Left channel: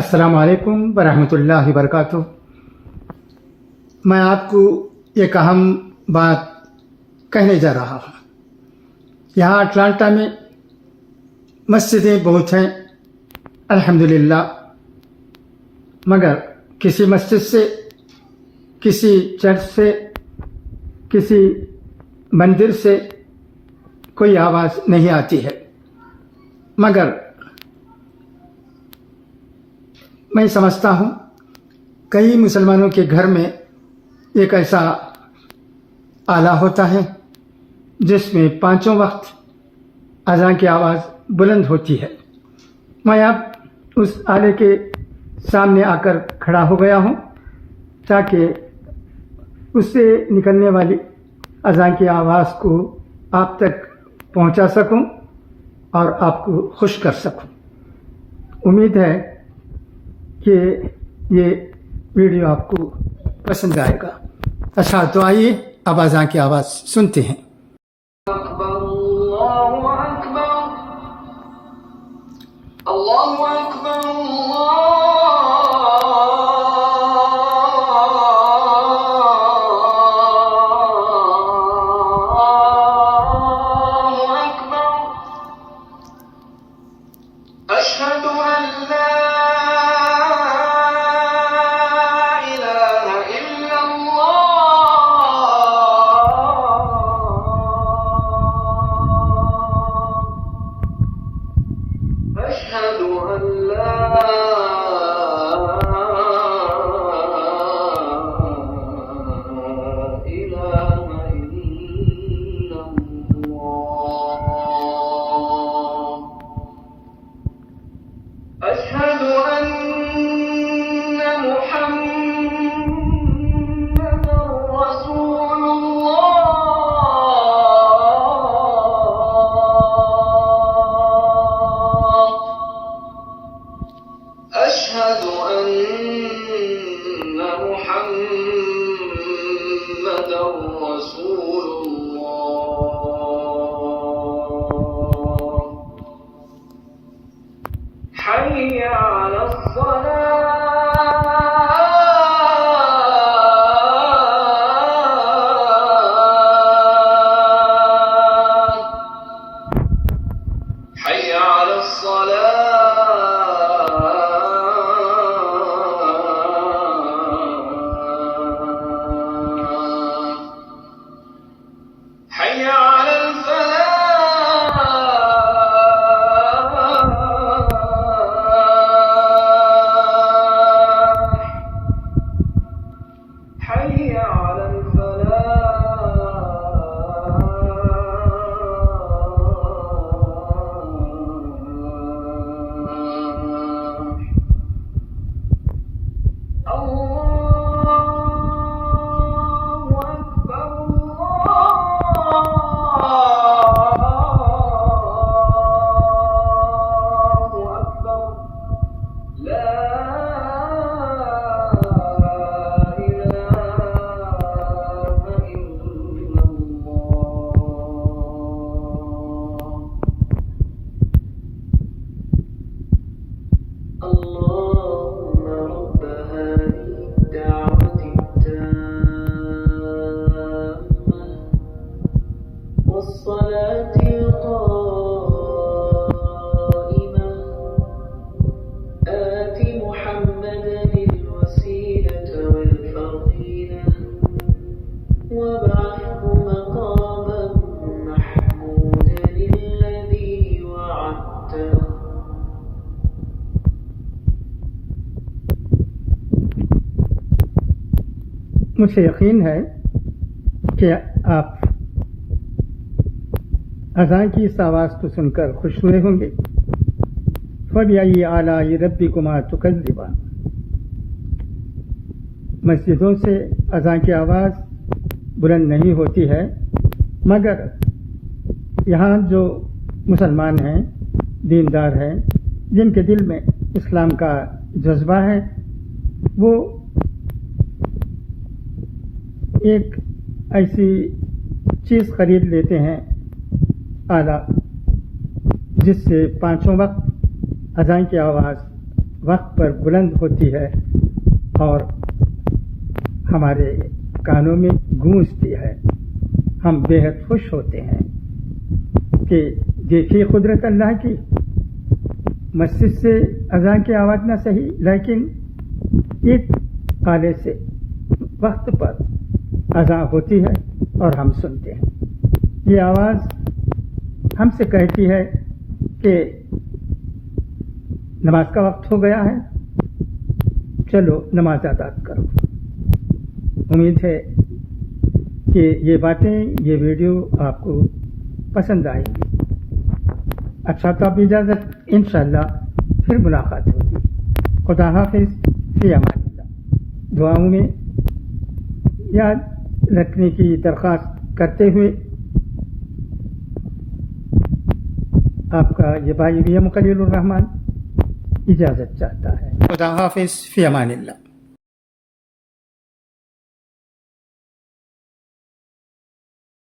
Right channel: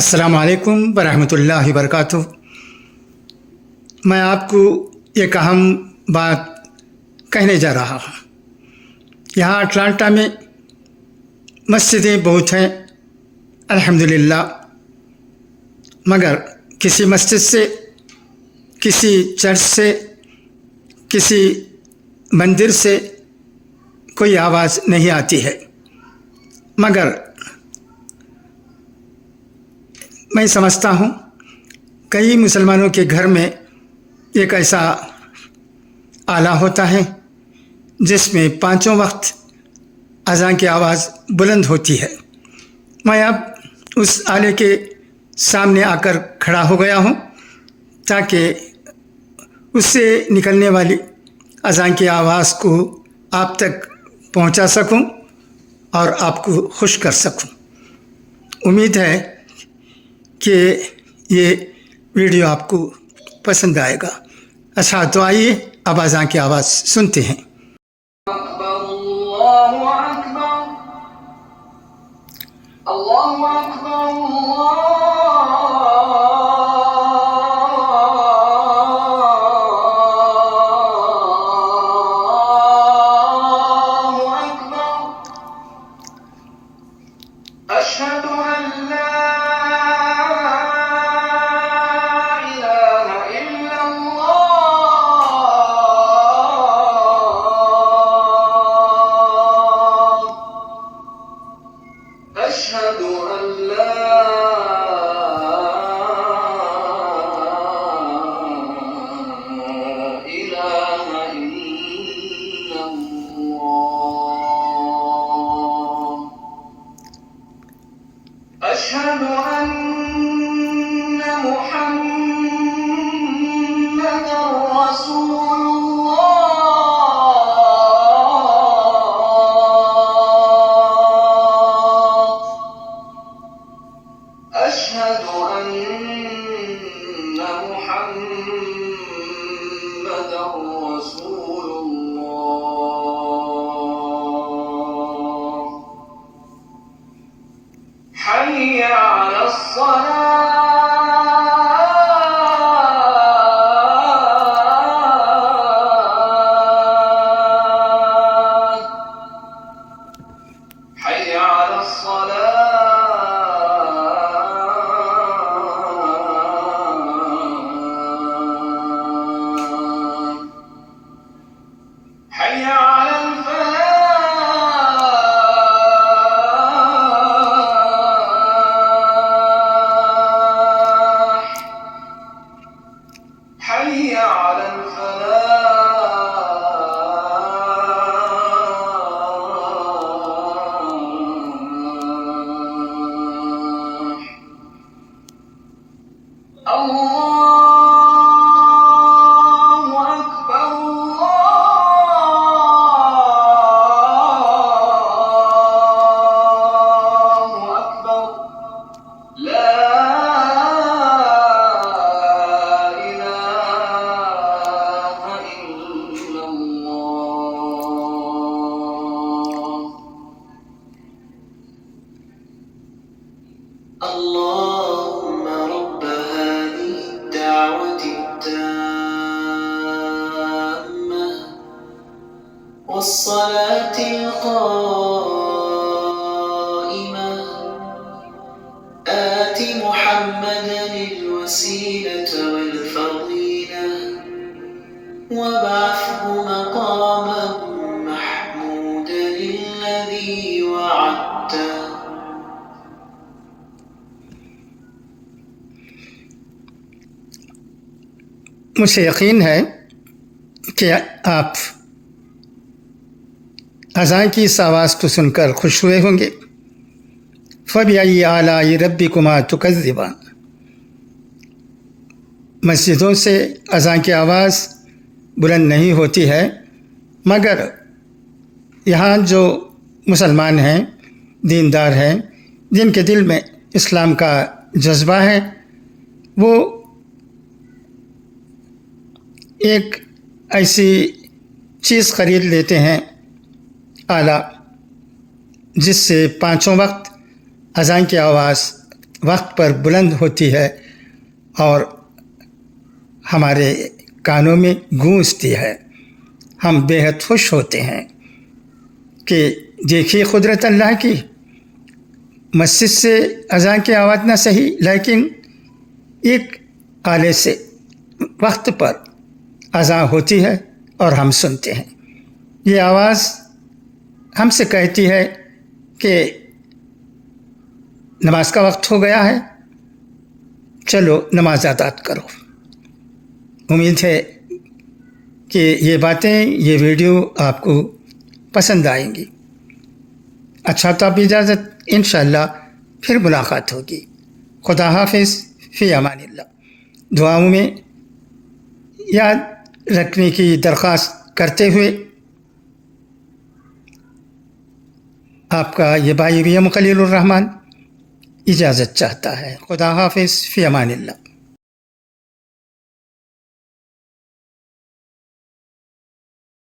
السلام علیکم ورحمۃ اللہ وبرکاتہ۔ میں آپ کو ایک اہم بات کہنے جا رہا ہوں۔ یہاں اٹلانٹا میں مسجدیں بہت ہیں الحمدللہ، مگر کسی مسجد سے، کسی چرچ سے، کسی مندر سے کوئی آواز نہیں آتی ہے۔ مگر میں سمجھتا ہوں کئی مسلمانوں کے گھر میں ایک ایسا آلہ ہوتا ہے جس میں پانچوں وقت اذان کی آواز بلند ہوتی ہے۔ میں اب اس آلے کے سامنے آ کر کھڑا ہو گیا ہوں تاکہ اس سے نکلنے والی اذان کی آواز کو آپ تک پہنچا سکوں اور آپ کو خوش کر سکوں۔ امید ہے کہ یہ ویڈیو آپ کو پسند آئے گا۔ اچھا، تو آئیے اب اذان کی آواز سنتے ہیں۔ اکبر اللہ اکبر اللہ اکبر اللہ اکبر اشہد ان لا الہ الا اللہ اشہد ان لا الہ الا اللہ اشہد ان محمد رسول اللہ اشہد ان محمد رسول اللہ حي على الصلاة حي على الصلاة حي على الفلاح حي على الفلاح الله أكبر الله أكبر لا إله إلا الله اللهم رب هذه الدعوة التامة والصلاة القائمة آت محمدا الوسيلة والفضيلة وابعثه مقاما محمودا الذي وعدته مجھے یقین ہے کہ آپ اذان کی اس آواز کو سن کر خوش ہوئے ہوں گے۔ فَبِأَيِّ آلَاءِ رَبِّكُمَا تُكَذِّبَانِ۔ مسجدوں سے اذان کی آواز بلند نہیں ہوتی ہے، مگر یہاں جو مسلمان ہیں، دیندار ہیں، جن کے دل میں اسلام کا جذبہ ہے، وہ ایک ایسی چیز خرید لیتے ہیں آلہ جس سے پانچوں وقت اذان کی آواز وقت پر بلند ہوتی ہے اور ہمارے کانوں میں گونجتی ہے، ہم بے حد خوش ہوتے ہیں کہ دیکھیے قدرت اللہ کی، مسجد سے اذان کی آواز نہ صحیح لیکن ایک آلے سے وقت پر اذان ہوتی ہے اور ہم سنتے ہیں۔ یہ آواز ہم سے کہتی ہے کہ نماز کا وقت ہو گیا ہے، چلو نماز ادا کرو۔ امید ہے کہ یہ باتیں، یہ ویڈیو آپ کو پسند آئیں گی۔ اچھا تو اب اجازت، انشاءاللہ پھر ملاقات ہوگی۔ خدا حافظ، فی امان اللہ۔ دعاؤں میں یاد رکھنے کی درخواست کرتے ہوئے آپ کا یہ بھائی بھی خلیل الرحمن اجازت چاہتا ہے۔ خدا حافظ، فی امان اللہ۔